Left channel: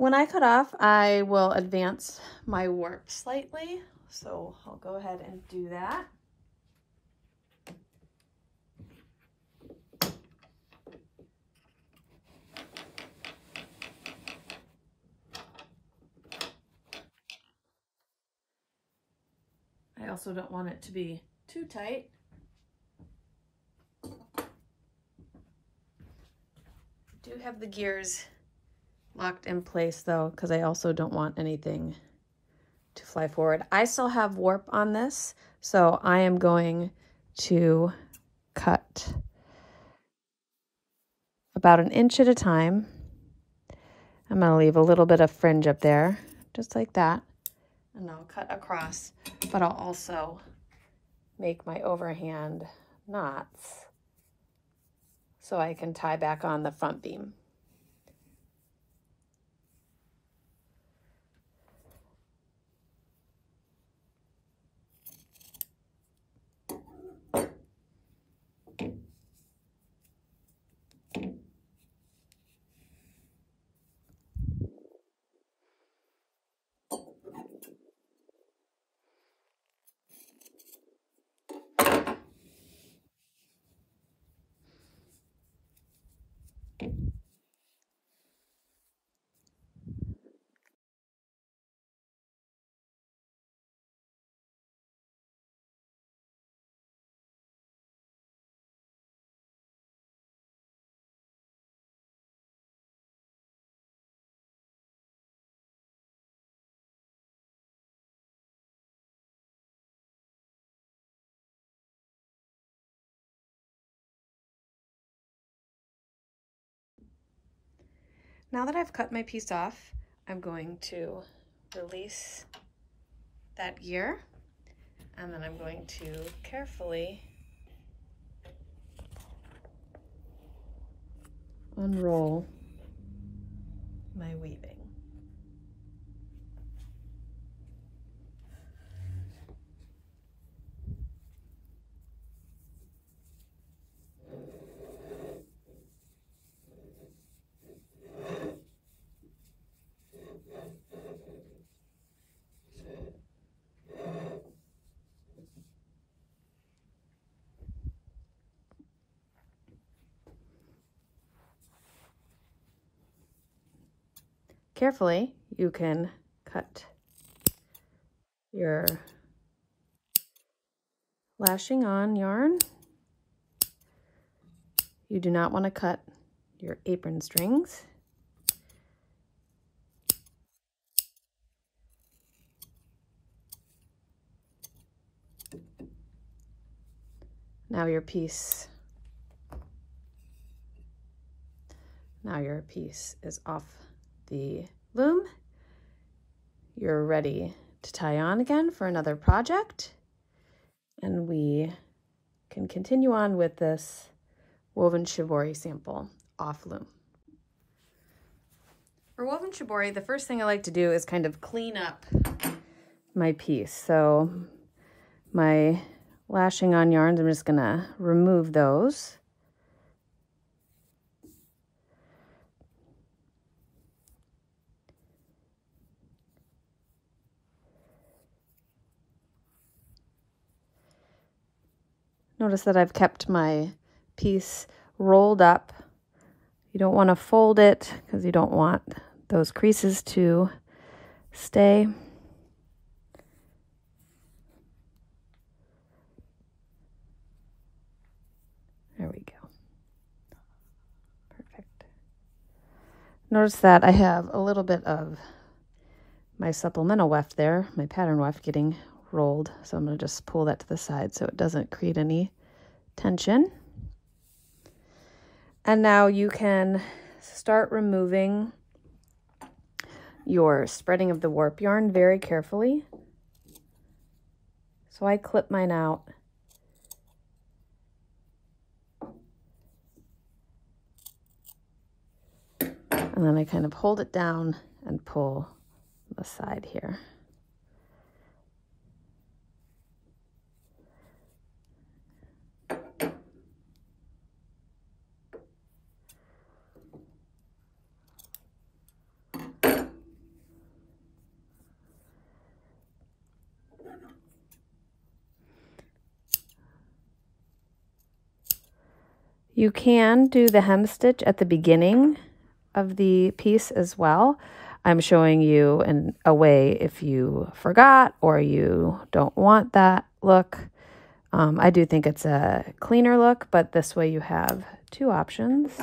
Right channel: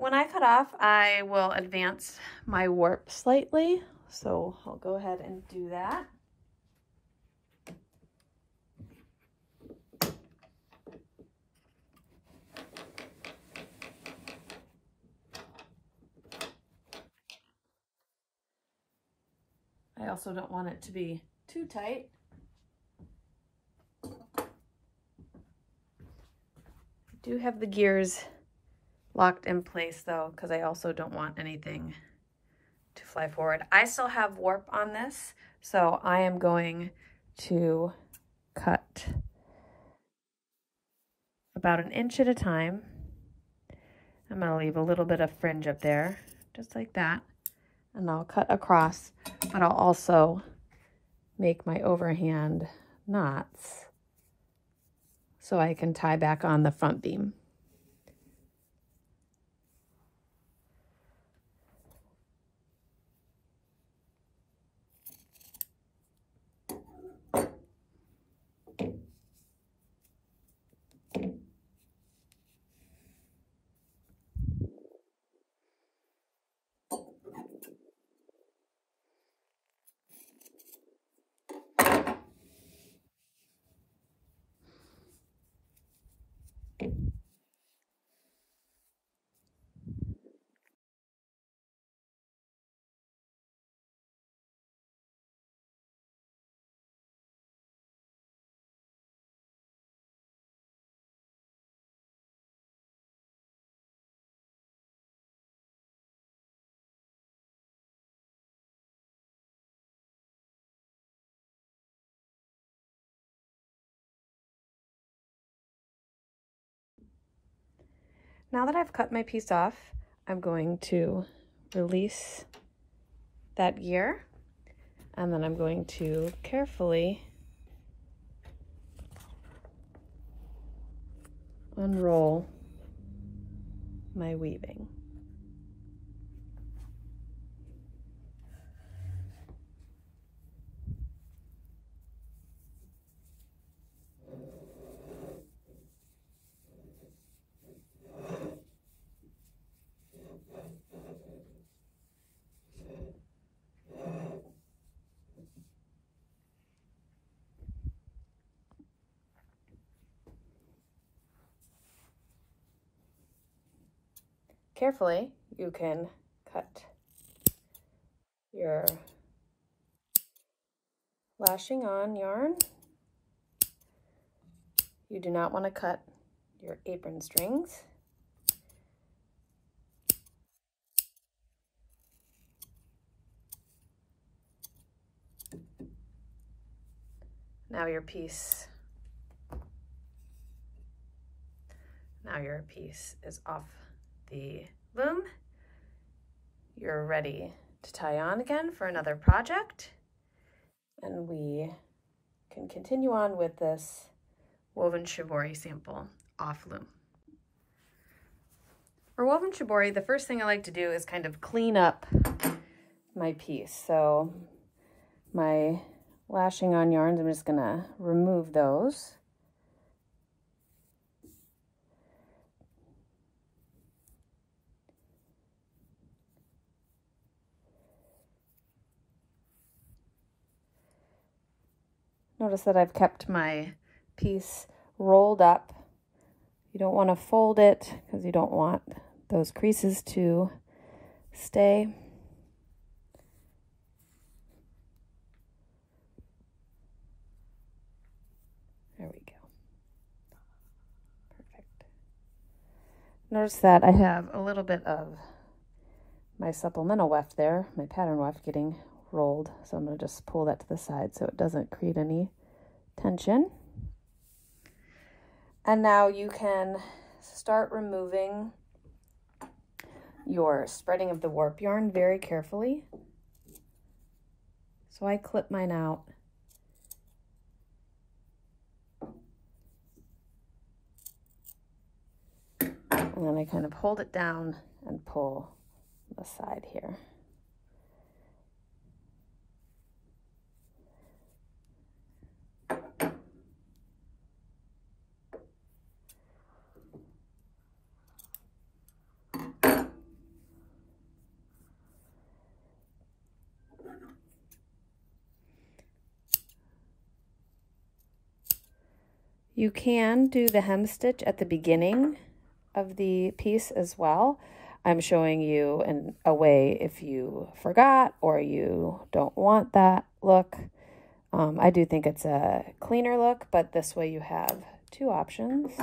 when I cut off, I will advance my warp slightly. So I'll go ahead and do that. I also don't want it to be too tight. I do have the gears locked in place though, because I also don't want anything to fly forward. I still have warp on this, so I am going to cut about 1 inch at a time. I'm going to leave a little bit of fringe up there, just like that, and I'll cut across, but I'll also make my overhand knots so I can tie back on the front beam. Now that I've cut my piece off, I'm going to release that gear, and then I'm going to carefully unroll my weaving. Carefully, you can cut your lashing on yarn. You do not want to cut your apron strings. Now your piece is off the loom. You're ready to tie on again for another project, and we can continue on with this woven shibori sample off loom. For woven shibori, the first thing I like to do is kind of clean up my piece. So my lashing on yarns, I'm just gonna remove those. Notice that I've kept my piece rolled up. You don't want to fold it because you don't want those creases to stay. There we go. Perfect. Notice that I have a little bit of my supplemental weft there, my pattern weft getting rolled. So I'm going to just pull that to the side so it doesn't create any tension. And now you can start removing your spreading of the warp yarn very carefully. So I clip mine out. And then I kind of hold it down and pull the side here. You can do the hem stitch at the beginning of the piece as well. I'm showing you a way if you forgot or you don't want that look. I do think it's a cleaner look, but this way you have two options.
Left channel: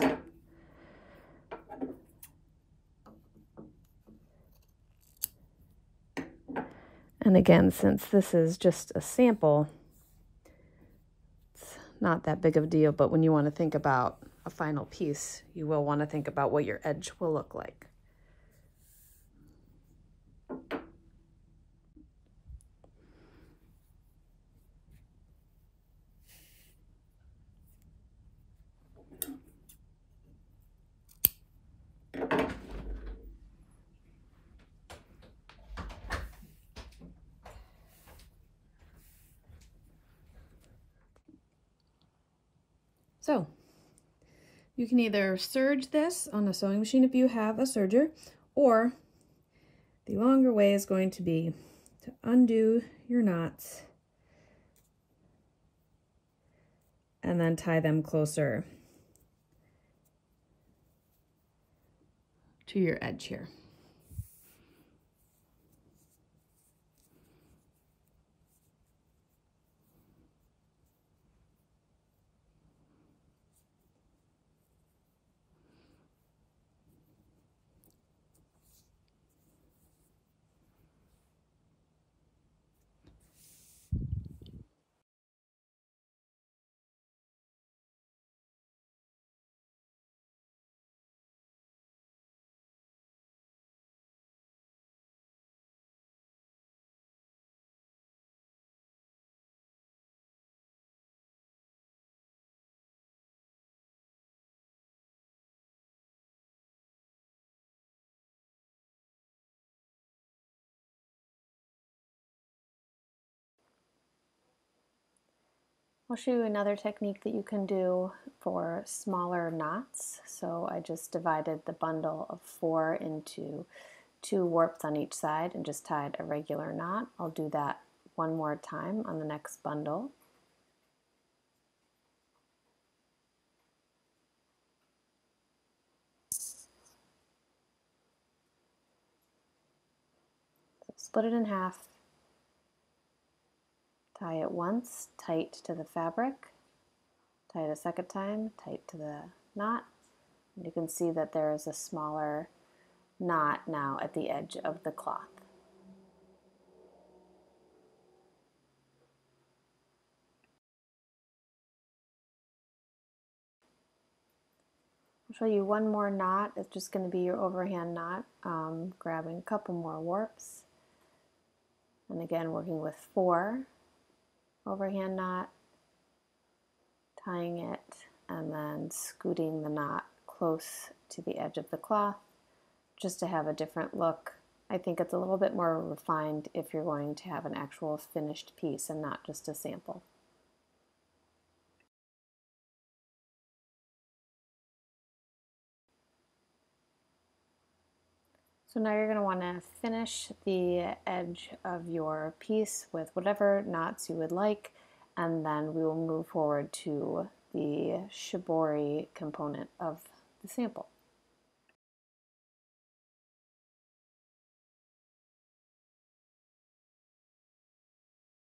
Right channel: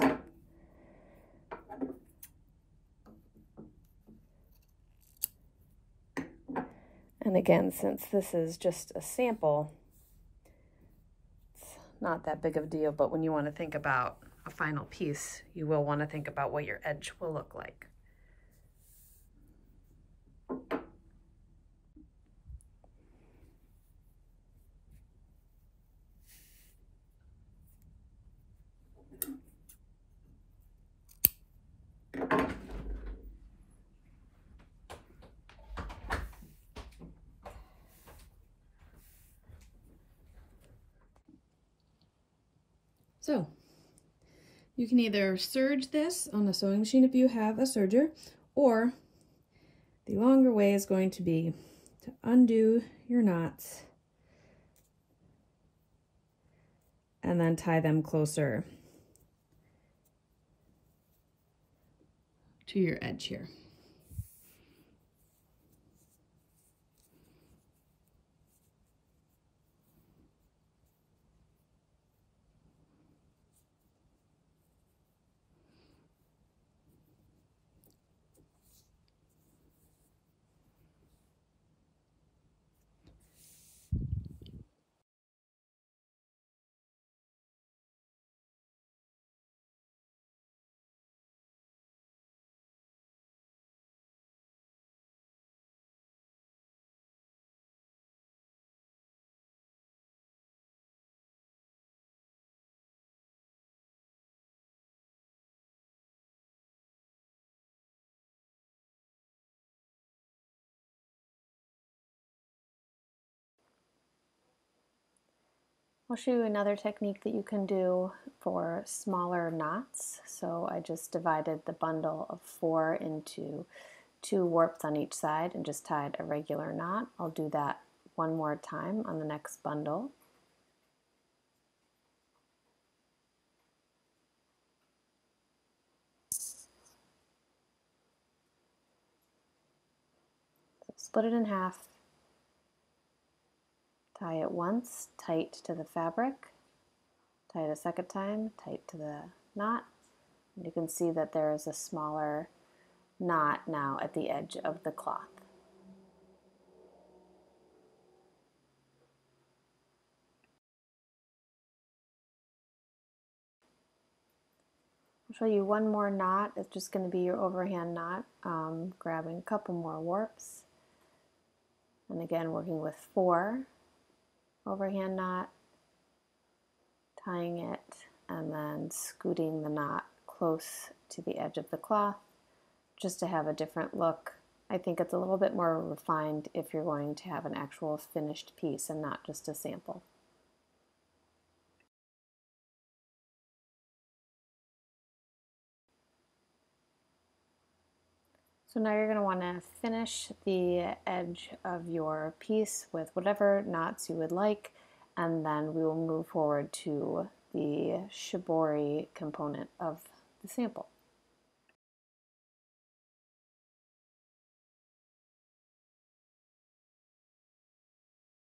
And again, since this is just a sample, it's not that big of a deal, but when you want to think about a final piece, you will want to think about what your edge will look like. So you can either serge this on a sewing machine if you have a serger, or the longer way is going to be to undo your knots and then tie them closer to your edge here. I'll show you another technique that you can do for smaller knots. So I just divided the bundle of 4 into 2 warps on each side and just tied a regular knot. I'll do that one more time on the next bundle. So split it in half. Tie it once, tight to the fabric, tie it a second time, tight to the knot. And you can see that there is a smaller knot now at the edge of the cloth. I'll show you one more knot. It's just going to be your overhand knot, grabbing a couple more warps. And again, working with 4. Overhand knot, tying it, and then scooting the knot close to the edge of the cloth just to have a different look. I think it's a little bit more refined if you're going to have an actual finished piece and not just a sample. So now you're going to want to finish the edge of your piece with whatever knots you would like, and then we will move forward to the shibori component of the sample.